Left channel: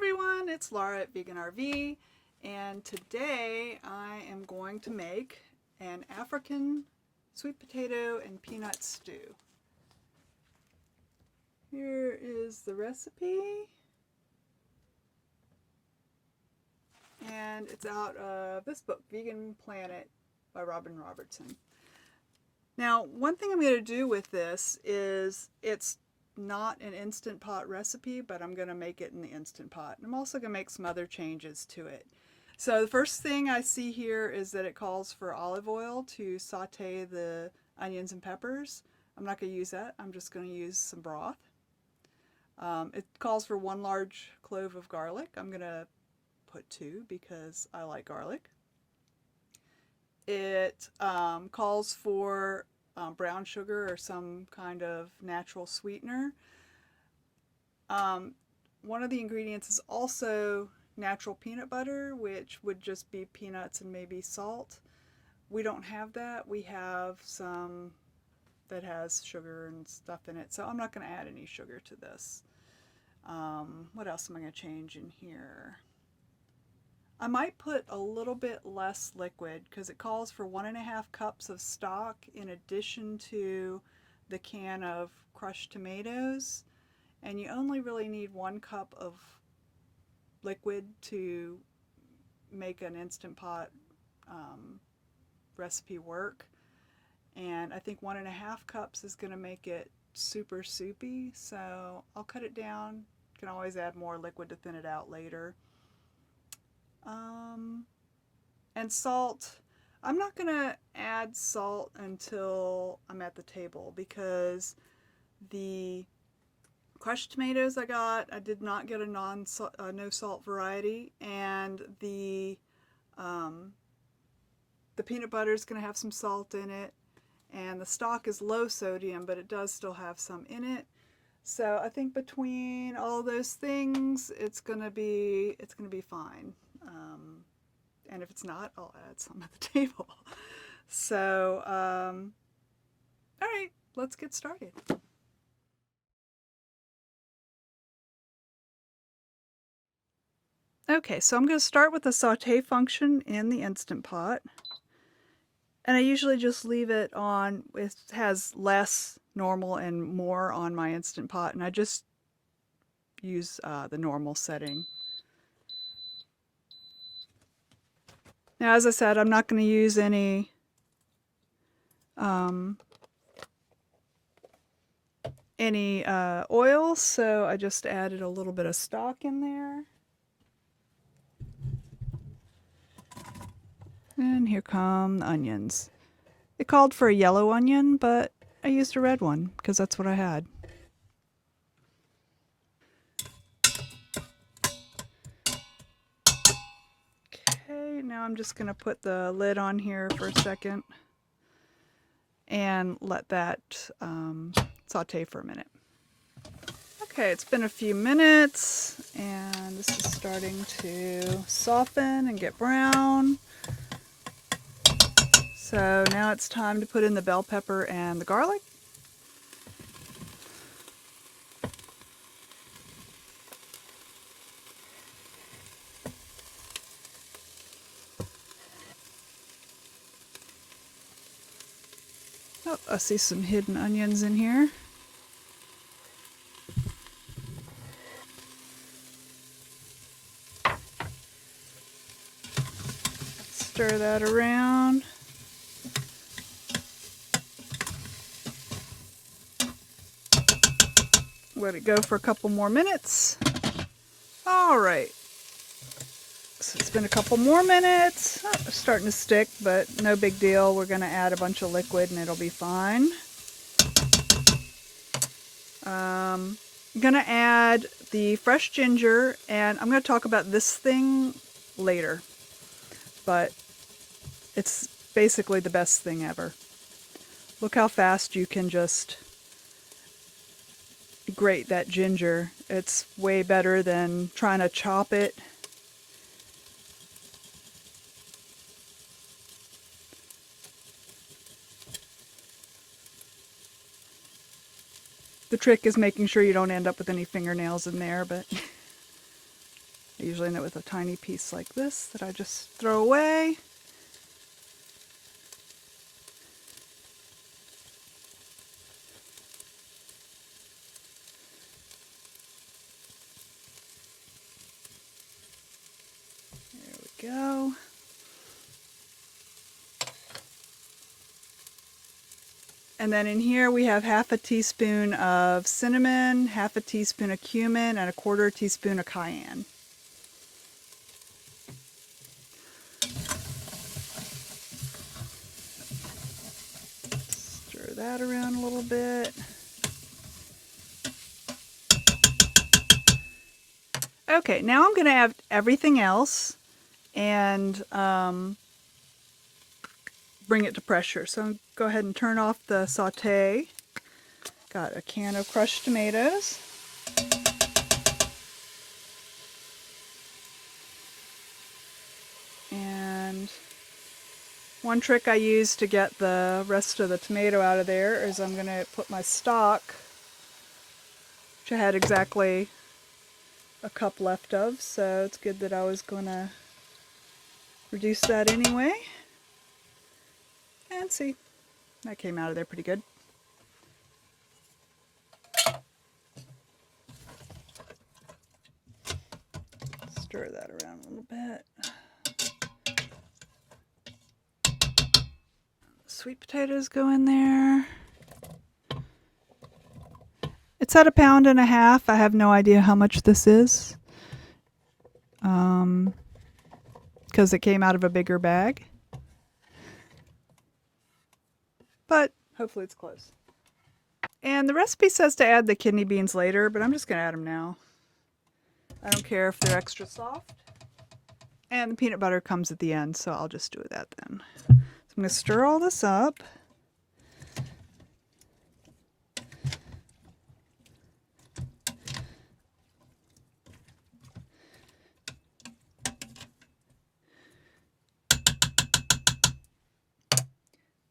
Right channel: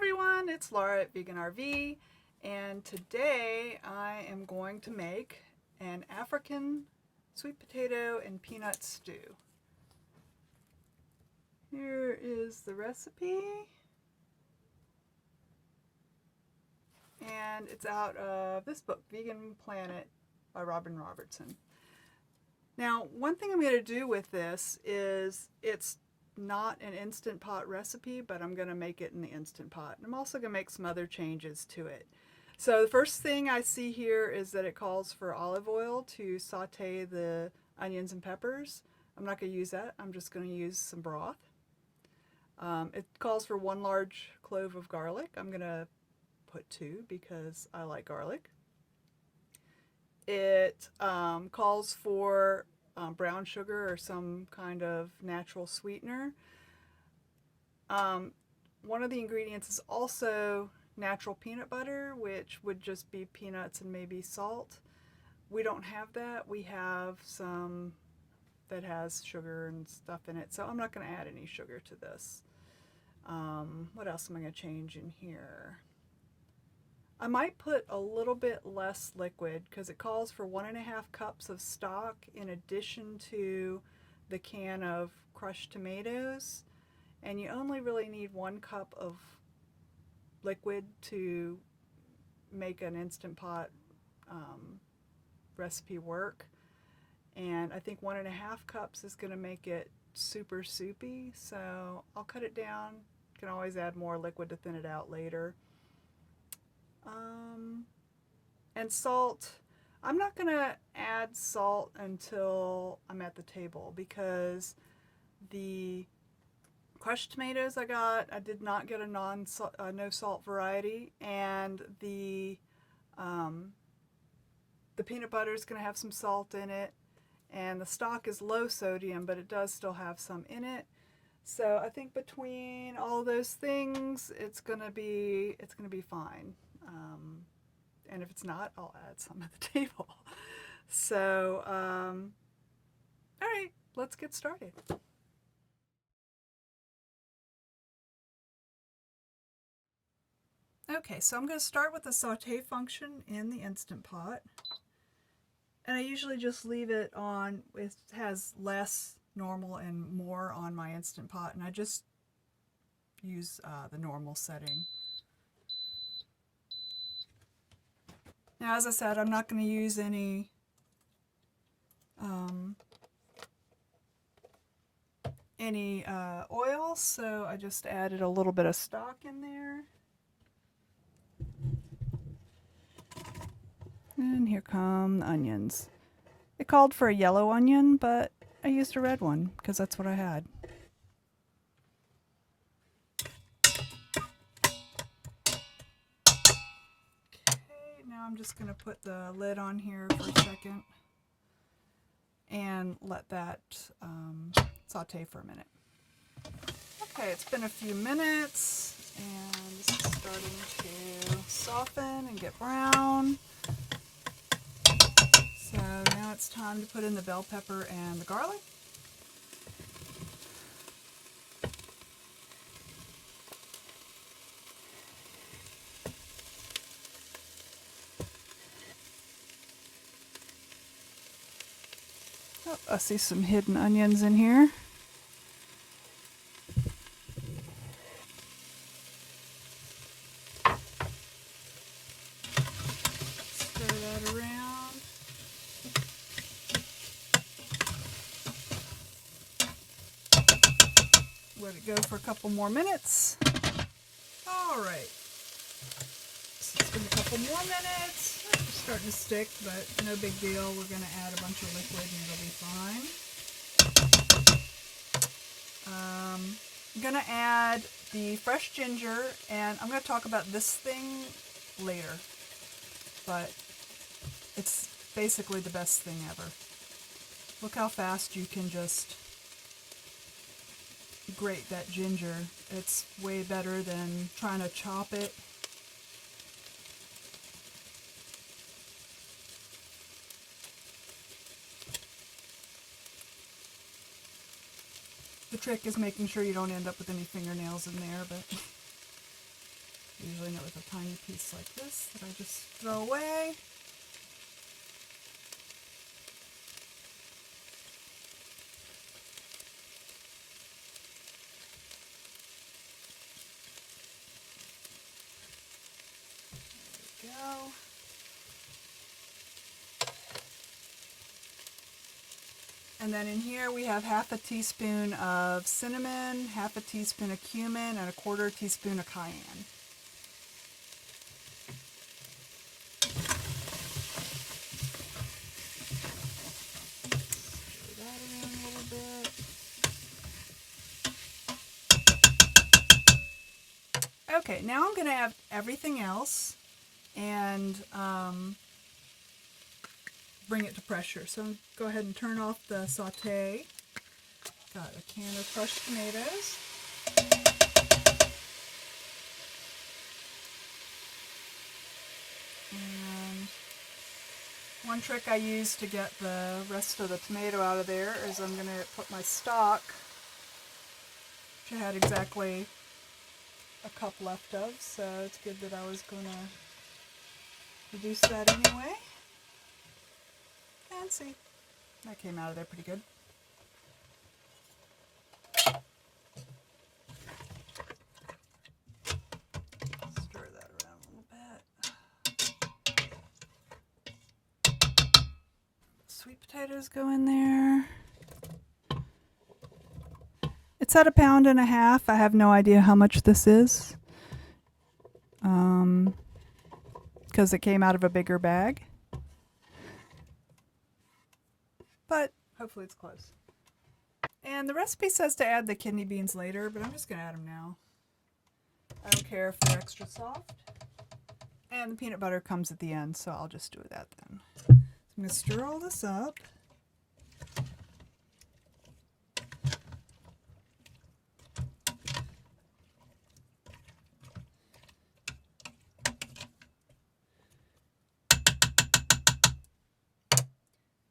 everyone, it's Laura at Vegan RV, and today I am going to make an African sweet potato and peanut stew. Here is the recipe, and it's out of this book, Vegan Planet by Robin Robertson. Now, one thing I'm going to do with this is it's not an Instant Pot recipe, but I'm going to make it in the Instant Pot. And I'm also going to make some other changes to it. So the first thing I see here is that it calls for olive oil to saute the onions and peppers. I'm not going to use that. I'm just going to use some broth. It calls for 1 large clove of garlic. I'm going to put 2 because I like garlic. It calls for brown sugar or some kind of natural sweetener. One of the ingredients is also natural peanut butter, which would just be peanuts and maybe salt. We don't have that. We have some that has sugar and stuff in it, so I'm not going to add any sugar to this. What else am I going to change in here? I might put a little bit less liquid because it calls for 1.5 cups of stock in addition to the can of crushed tomatoes. And you only really need 1 cup of liquid to make an Instant Pot recipe work. And I think 1.5 cups is going to make it super soupy. So I'll cut it down. Can always add more liquid to thin it out later. And salt, I'm not going to add salt until I'm at the table because the crushed tomatoes I did not get a no salt variety, and the peanut butter is going to have some salt in it, and the stock is low sodium, but it does still have some in it. So I think between all those things, it's going to be fine. And if it's not, I'll add some at the table. So, all right, let's get started. Okay, so I'm going to start with the saute function in the Instant Pot. And I usually just leave it on, it has less, normal, and more on my Instant Pot, and I just use the normal setting. Now, as I said, I'm not going to use any oil, so I just added a little bit of stock in there. And here come the onions. It called for a yellow onion, but I used a red one because that's what I had. Now I'm just going to put the lid on here for a second and let that saute for a minute. Okay, it's been a few minutes and this is starting to soften and get brown. So now it's time to put in the bell pepper and the garlic. Oh, I see some hidden onions in here. Stir that around. Let it go for a couple more minutes. All right. So it's been a couple more minutes. Oh, it's starting to stick, but no big deal. We're going to add a bunch of liquid and it'll be fine. I'm going to add the fresh ginger, and I'm going to talk about this thing later, but it's basically the best thing ever. Look how fast you can just grate that ginger. It's way better than trying to chop it. The trick is making sure you don't end up with any fingernails in there, but I usually end it with a tiny piece like this that I just throw away. There we go. And then in here we have half a teaspoon of cinnamon, half a teaspoon of cumin, and a quarter teaspoon of cayenne. Stir that around a little bit. Okay, now I'm going to add everything else and bring it to pressure. So I'm go ahead and turn off the saute. Got a can of crushed tomatoes. And one trick I use to get the rest of the tomato out of there is I'm going to put my stock, which I had exactly a cup left of, so it's good that I was going to reduce that anyway. And see, that came out of there pretty good. Stir that around a little bit. Sweet potatoes go in there. It's at 1.5 pounds. I have no idea how much this is, because it came out of a bigger bag. But hopefully it's close. And the recipe says to add the kidney beans later, but I'm just going to add them now. I don't care if they're extra soft. And the peanut butter comes at the end, so I'll just do that then. So I'm going to stir all this up.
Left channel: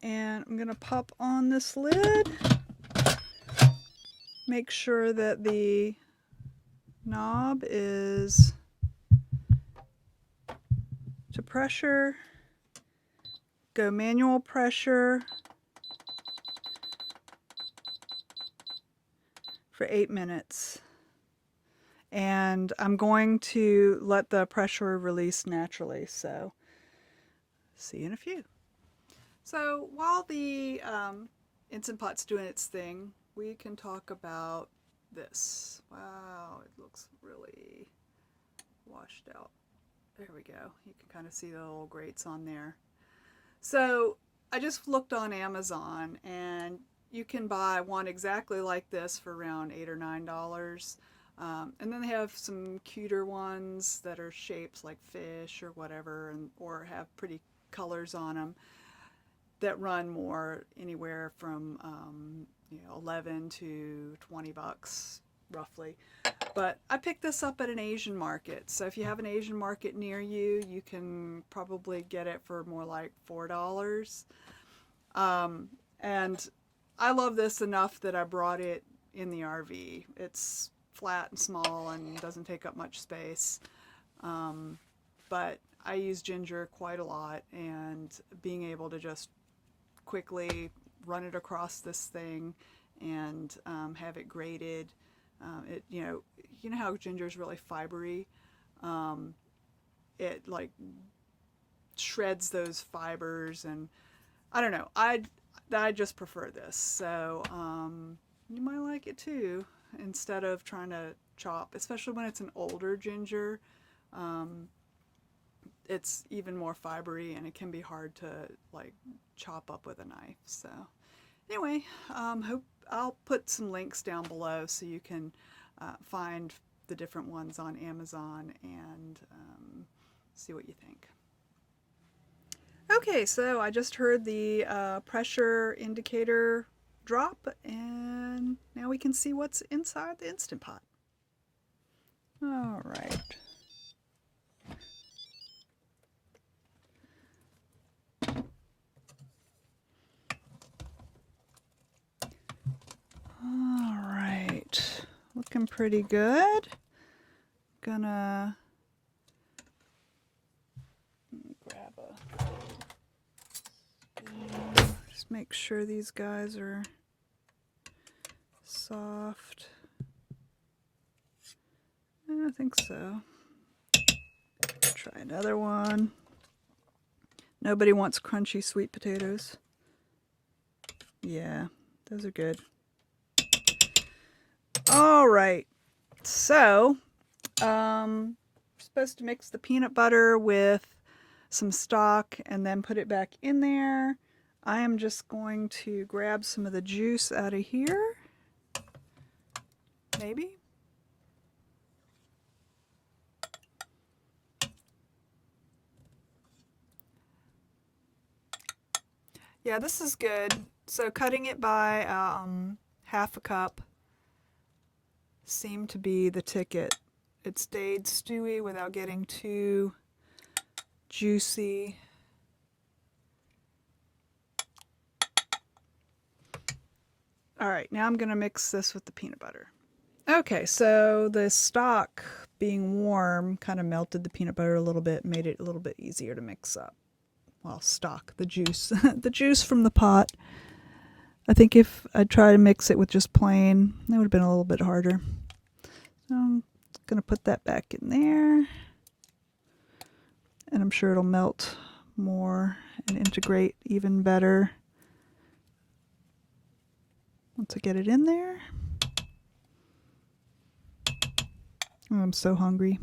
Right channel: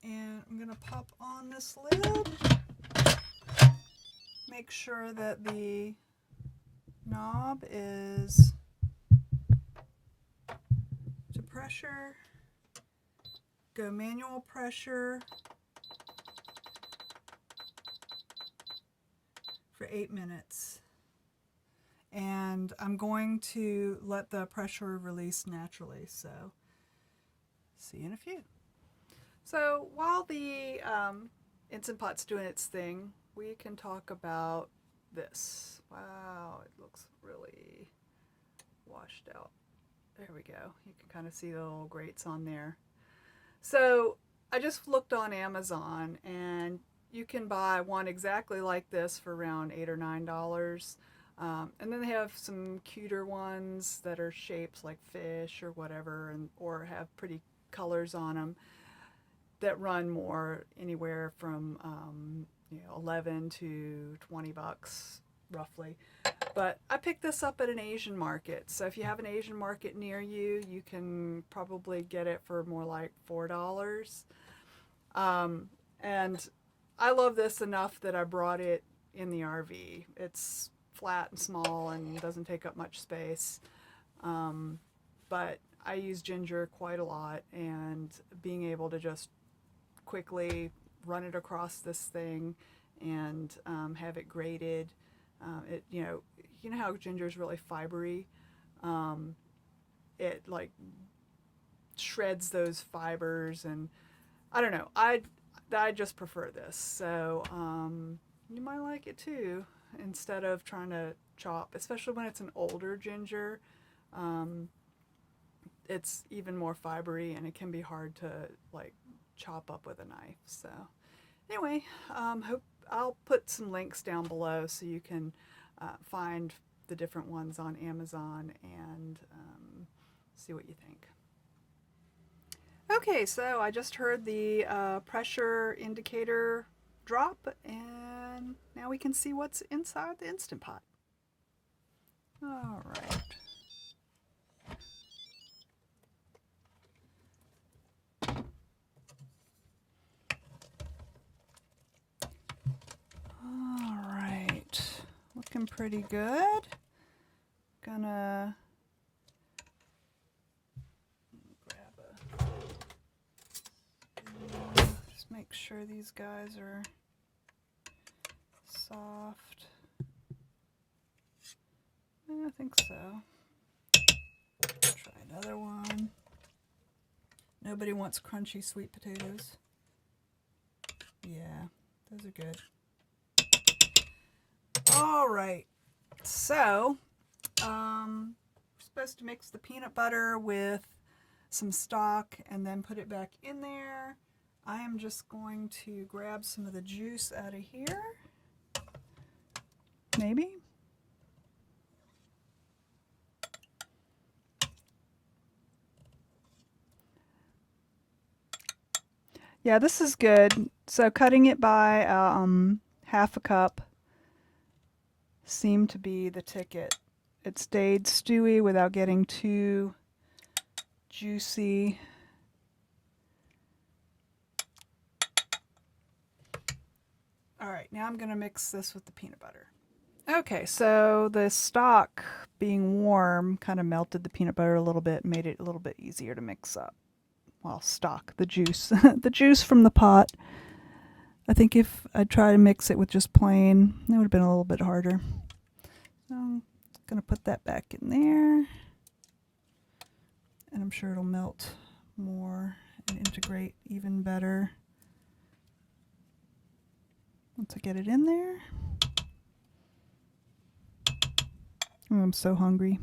And I'm going to pop on this lid. Make sure that the knob is to pressure. Go manual pressure for 8 minutes. And I'm going to let the pressure release naturally, so see you in a few. So while the Instant Pot's doing its thing, we can talk about this. Wow, it looks really washed out. There we go. You can kind of see the little grates on there. So I just looked on Amazon, and you can buy one exactly like this for around $8 or $9. And then they have some cuter ones that are shapes like fish or whatever, or have pretty colors on them, that run more, anywhere from $11 to $20 roughly. But I picked this up at an Asian market, so if you have an Asian market near you, you can probably get it for more like $4. And I love this enough that I brought it in the RV. It's flat and small and doesn't take up much space, but I use ginger quite a lot, and being able to just quickly run it across this thing and have it grated. It you know how ginger is really fibery. It like shreds those fibers, and I don't know. I just prefer this. So you might like it too. Instead of trying to chop, especially when it's an older ginger, it's even more fibery, and it can be hard to like chop up with a knife. So anyway, I'll put some links down below so you can find the different ones on Amazon and see what you think. Okay, so I just heard the pressure indicator drop, and now we can see what's inside the Instant Pot. All right. All right, looking pretty good. Gonna Just make sure these guys are soft. I think so. Try another one. Nobody wants crunchy sweet potatoes. Yeah, those are good. All right. So, we're supposed to mix the peanut butter with some stock and then put it back in there. I am just going to grab some of the juice out of here. Maybe. Yeah, this is good. So cutting it by half a cup seemed to be the ticket. It stayed stewy without getting too juicy. All right, now I'm going to mix this with the peanut butter. Okay, so the stock being warm kind of melted the peanut butter a little bit, made it a little bit easier to mix up. Well, stock, the juice, the juice from the pot. I think if I tried to mix it with just plain, it would have been a little bit harder. So I'm going to put that back in there. And I'm sure it'll melt more and integrate even better once I get it in there. Oh, I'm so hungry.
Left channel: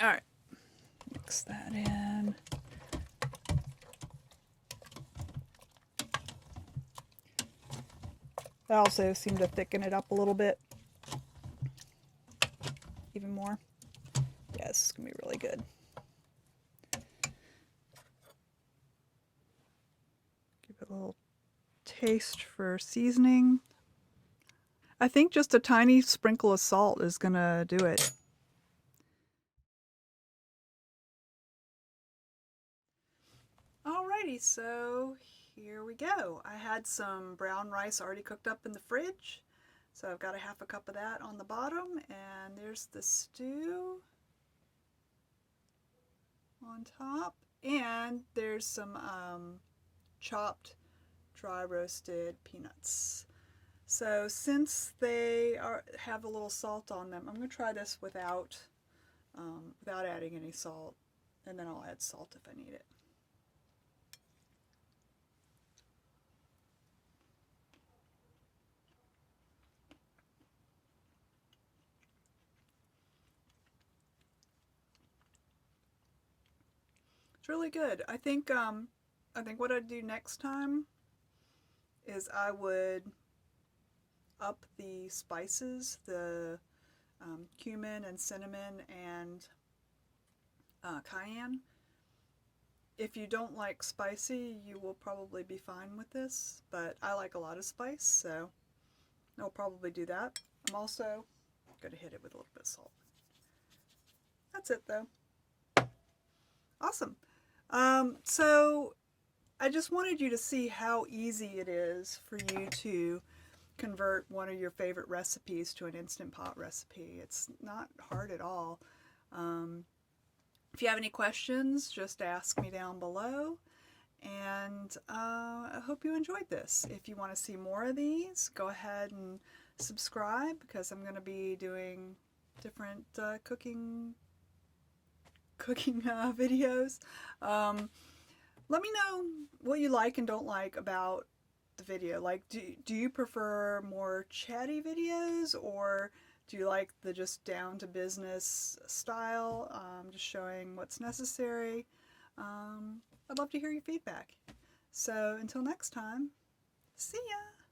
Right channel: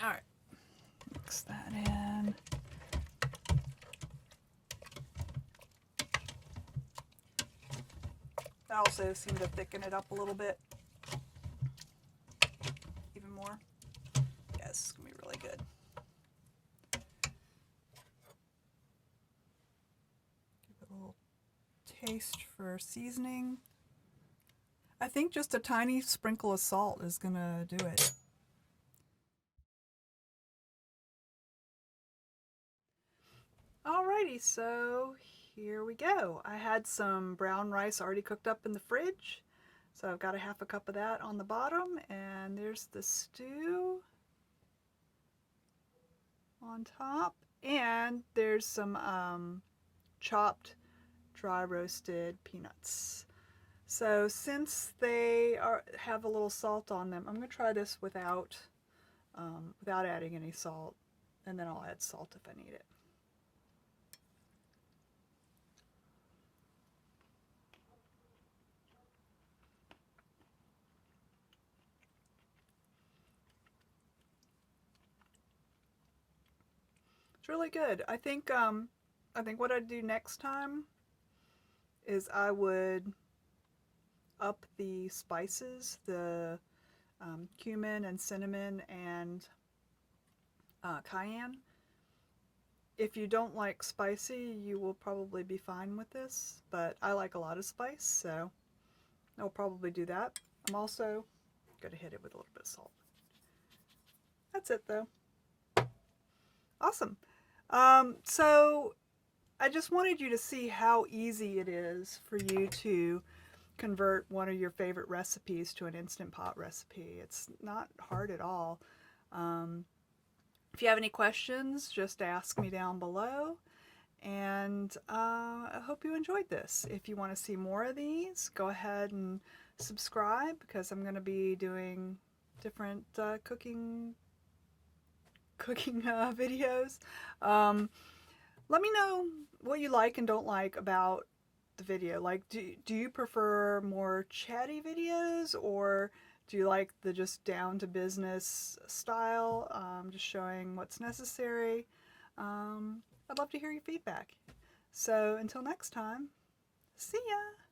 All right, mix that in. That also seemed to thicken it up a little bit. Even more. Yeah, this is going to be really good. Give it a little taste for seasoning. I think just a tiny sprinkle of salt is going to do it. Alrighty, so here we go. I had some brown rice already cooked up in the fridge. So I've got a half a cup of that on the bottom, and there's the stew on top, and there's some chopped dry roasted peanuts. So since they have a little salt on them, I'm going to try this without adding any salt, and then I'll add salt if I need it. It's really good. I think what I'd do next time is I would up the spices, the cumin and cinnamon and cayenne. If you don't like spicy, you will probably be fine with this, but I like a lot of spice, so I'll probably do that. I'm also going to hit it with a little bit of salt. That's it, though. Awesome. So I just wanted you to see how easy it is for you to convert one of your favorite recipes to an Instant Pot recipe. It's not hard at all. If you have any questions, just ask me down below. And I hope you enjoyed this. If you want to see more of these, go ahead and subscribe, because I'm going to be doing different cooking videos. Let me know what you like and don't like about the video. Like, do you prefer more chatty videos, or do you like the just down to business style, just showing what's necessary? I'd love to hear your feedback. So until next time, see ya!